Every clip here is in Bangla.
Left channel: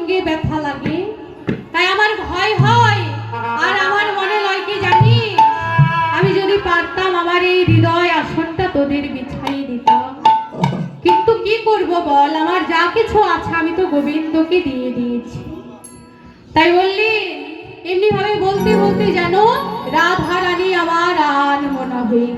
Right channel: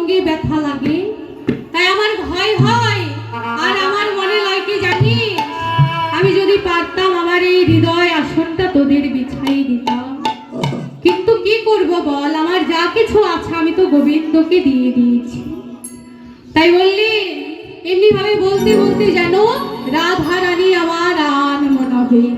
সঙ্গে ব্যথা লাগে। তাই আমার ভয় হয়, আর আমার মনে লয় কি জানি? আমি যদি পারতাম আমার এই হৃদয় আসনটা তোদের বিছাই দিতাম। কিন্তু কি করব বল? আমার যা কিছু আছে আমি তো গোবিন্দকে দিয়ে দিয়েছি। তাই বললি এমনি ভাবে বলতে বলতে যেন রাধা রানী আমার আর মনে হয়ে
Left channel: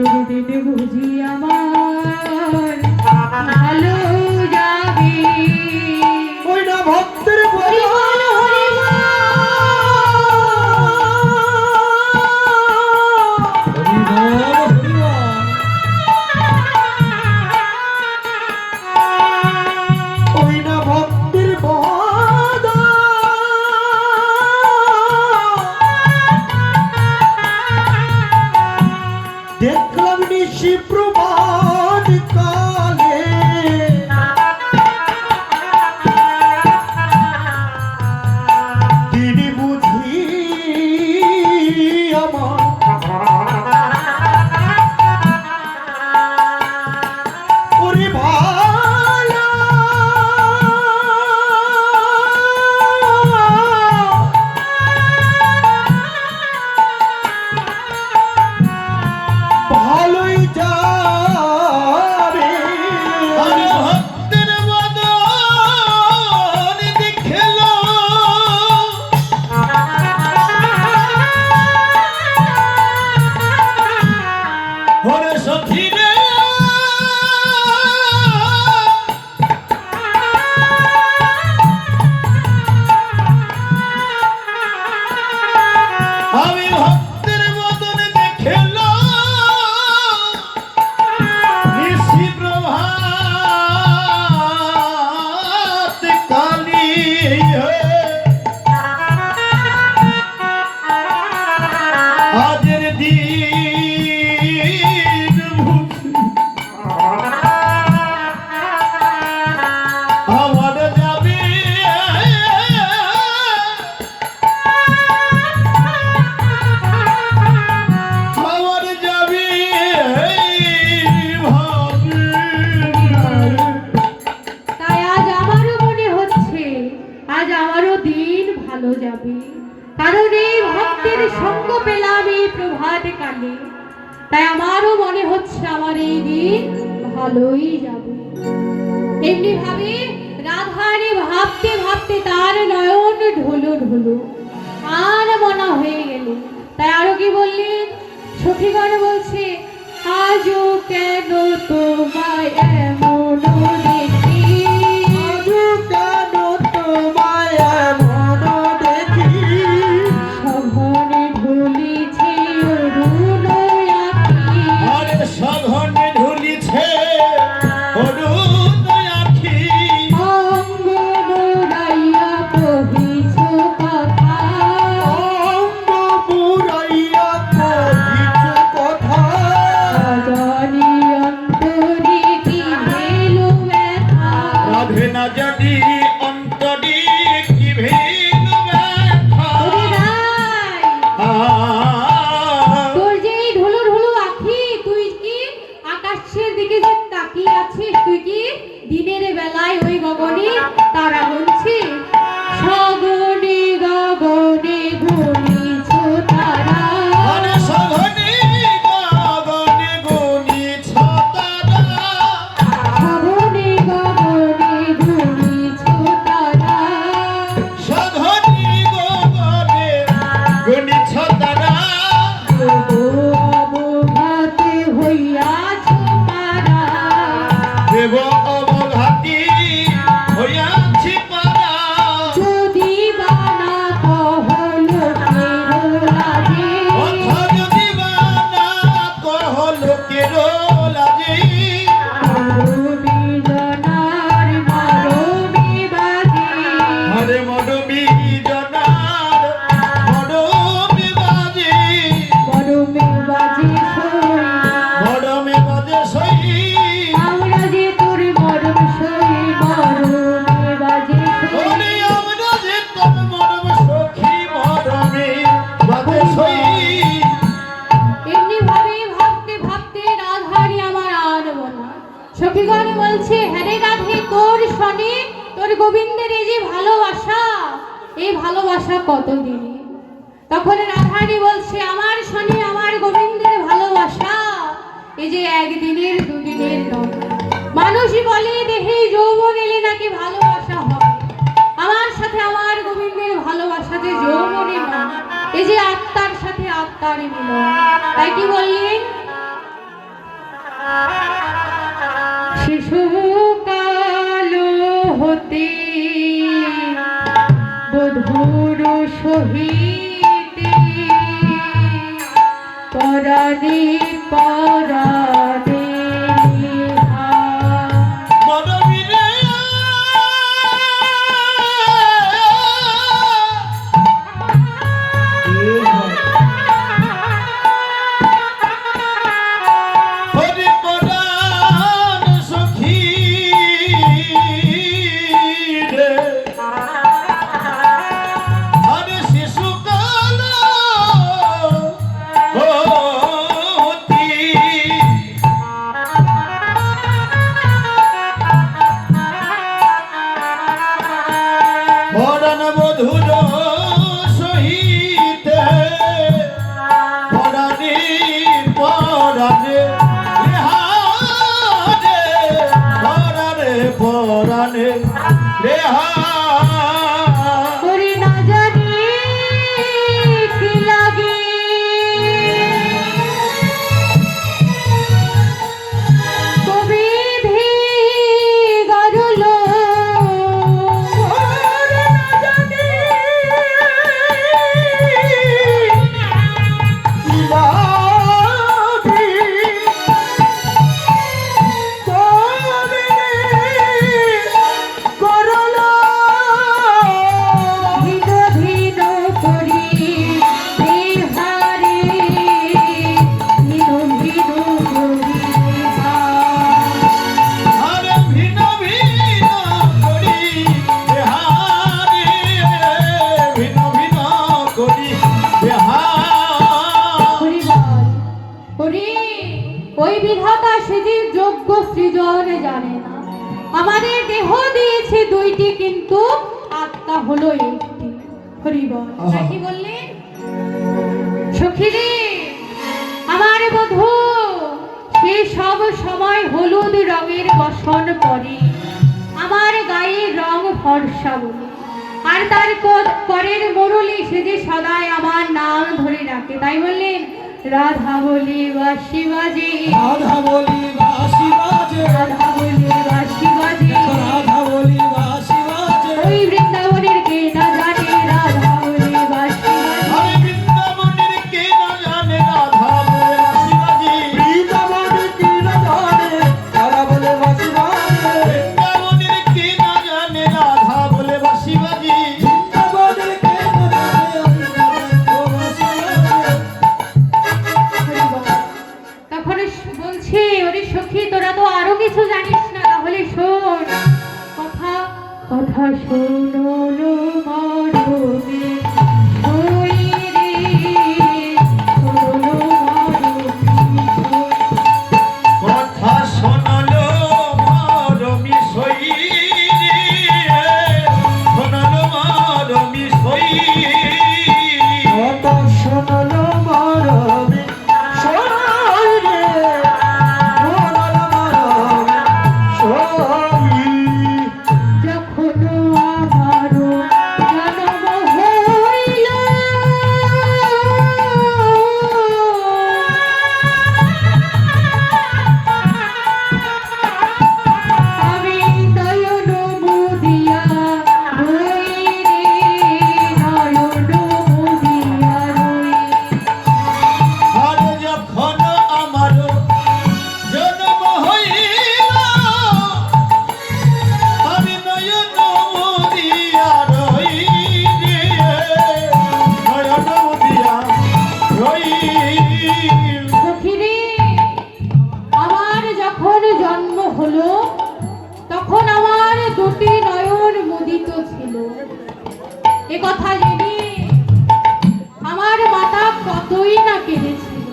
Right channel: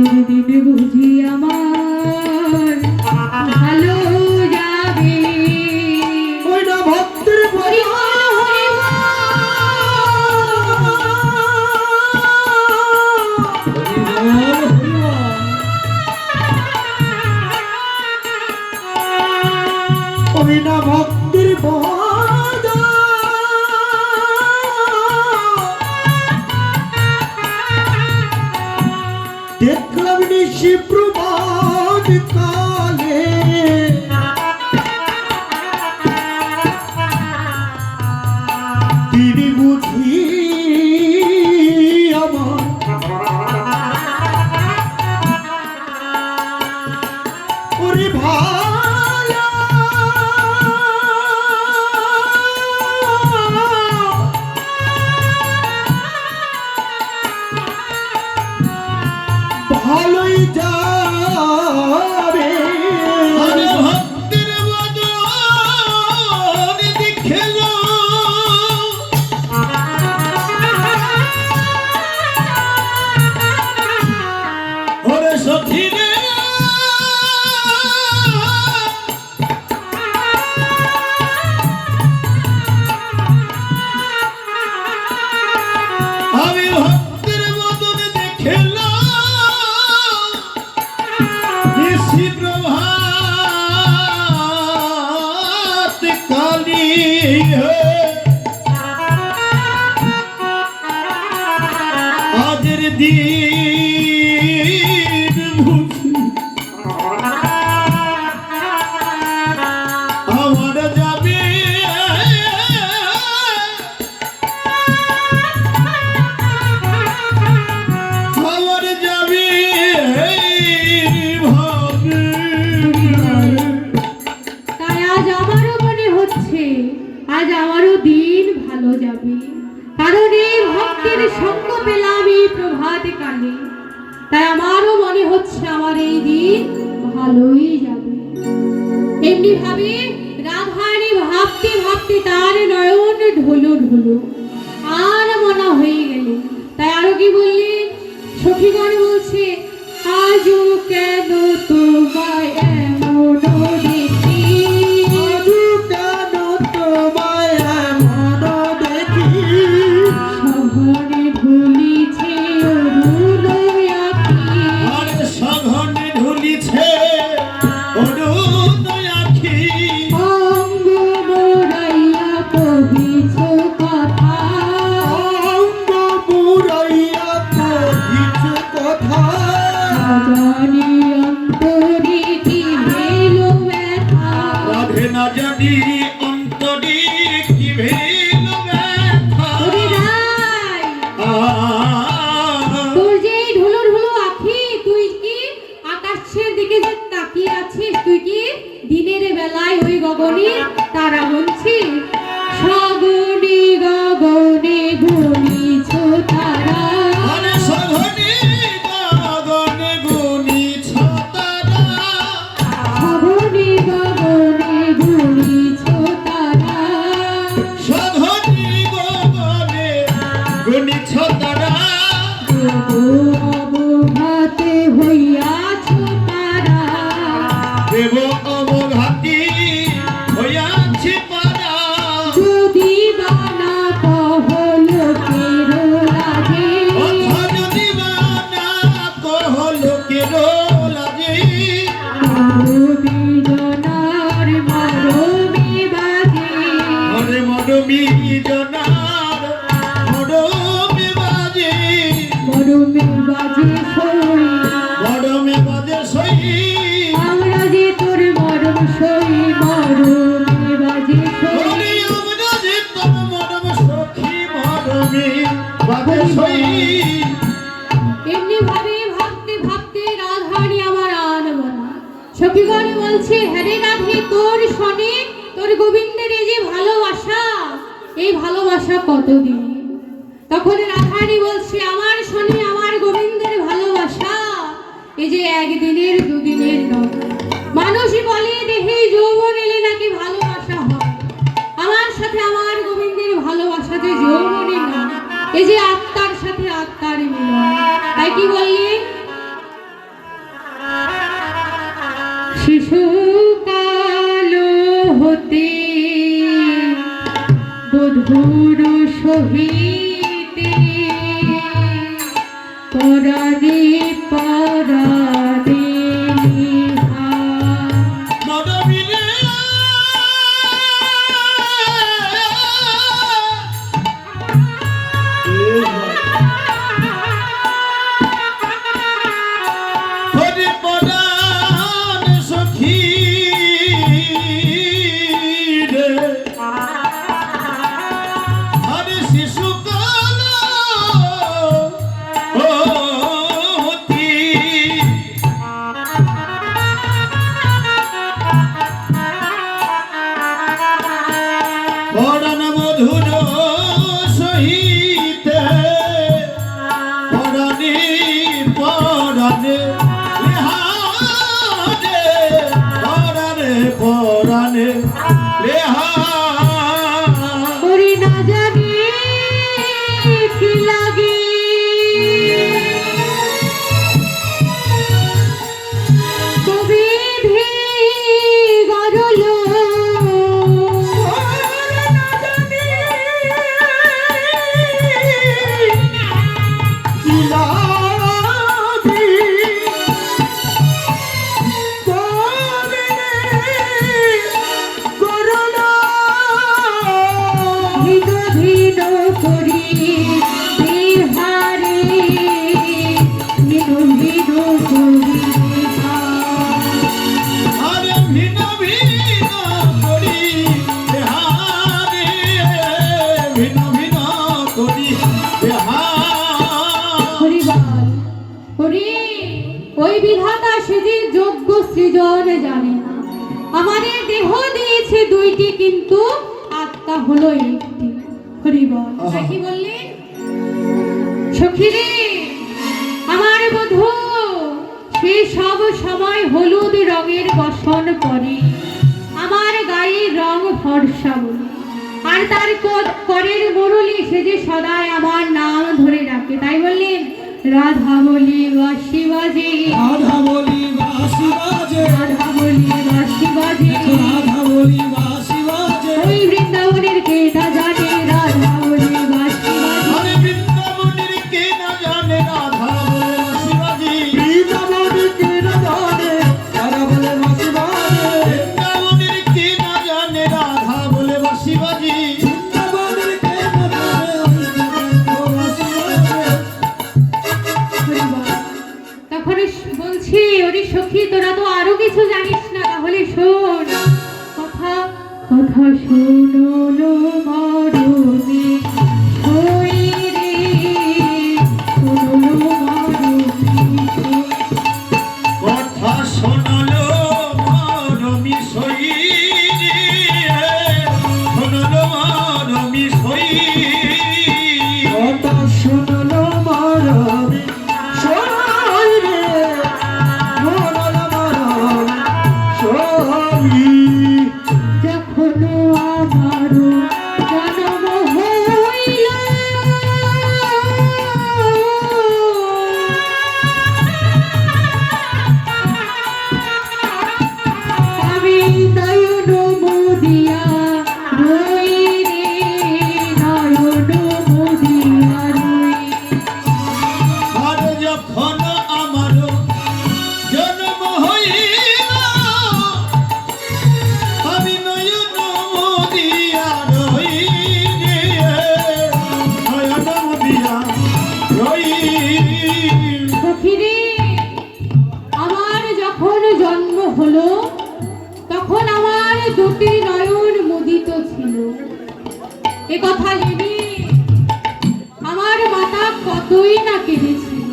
আজের দিনে বুঝি দিন আমার যাবে আমার তাই আজ আমারও মনে হচ্ছে আজ আমারও দিন ভালো যাবে। কারণ এই ভক্তের সঙ্গ পেলাম এই প্রভাত কালে। তাই আমারও মনে হচ্ছে আমার এই দিন ভালোই যাবে। এমনি ভাবে রাধারানী ভাবতে ভাবতে তার নয়ন ঢোলো ঢোলো। আর মনে হয়ে গেলে, তাই আরও কি বললেন সখীগণ বলছে, আজও কেন তোমায় গগনে তারা বলছি সগনে যে একদিনের দুদিনের নয় মানুষই বলে দেহে যৌবন এলে নাকি ভালোবাসা হয় আমার সাথে আমার গোবিন্দের ভালোবাসা যে যৌবনে নয় এই যে আত্মার সাথে আত্মার মিলন তাই কি বললেন শিশুকাল হতে বধুর সহিতে পরাণে পরাণ বধুর সহিতে হরি ওই বিধাতা সে যে যোগ্য সৃজন জানে না। আমাদের দেহ দিয়েছে দুইটি কিন্তু আত্মা হলো একটি। হরিবল কি বললেন? সখীরে আমার বধূ সে সব সময় হলুদ রঙের বসন করে আমার গায়ের রং ফর্সা বলে। আর তার করের মরুলি সে যে সদাই আমার নাম ধরে ডাকে তাই বললেন? রাধা বলি বাসি বাজে রাধা বলি বাসি বাজে রাধা বলি বাসি বাজে রাধা শোনো লো কথা জেনে আমার মাতা কতই না কেঁদেছিল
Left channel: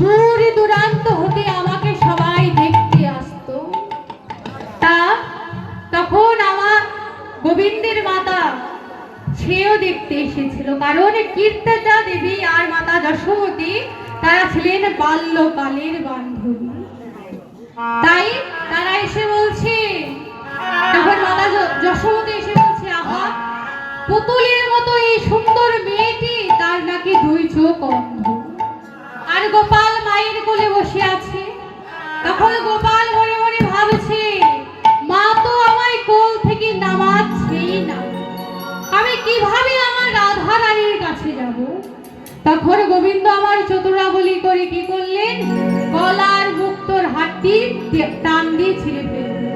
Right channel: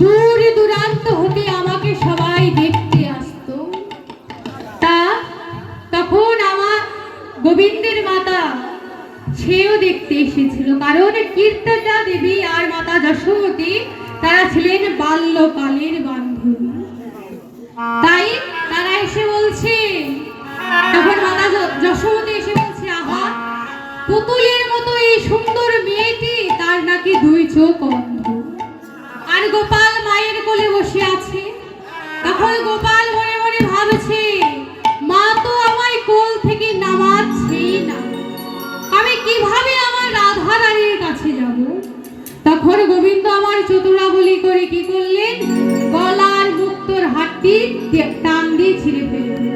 দূর দূরান্ত হতে আমাকে সবাই দেখতে আসতো। তা তখন আমার গোবিন্দের মাতা সেও দেখতে এসেছিল, কারণ কীর্তনা দেবী আর মাতা যশোমতী, তারা ছিলেন বাল্যকালের বান্ধবী। তাই তারা এসে বলছে পুতুলের মতো এই সুন্দর মেয়েটি, তার নাকি দুই চোখ অন্ধ। আর গোপাল মায়ের কোলে বসে আছে। তখন গোপাল মনে মনে ভাবছে, মা তো আমায় কোল থেকে নামাচ্ছেই না। আমি কীভাবে আমার রাধা রানীর কাছে যাব? তখন গোবিন্দ আমার চতুরাবলি করে কি করলেন? গলার মুক্তর হাতটি টান দিয়ে ছিঁড়ে ফেললেন।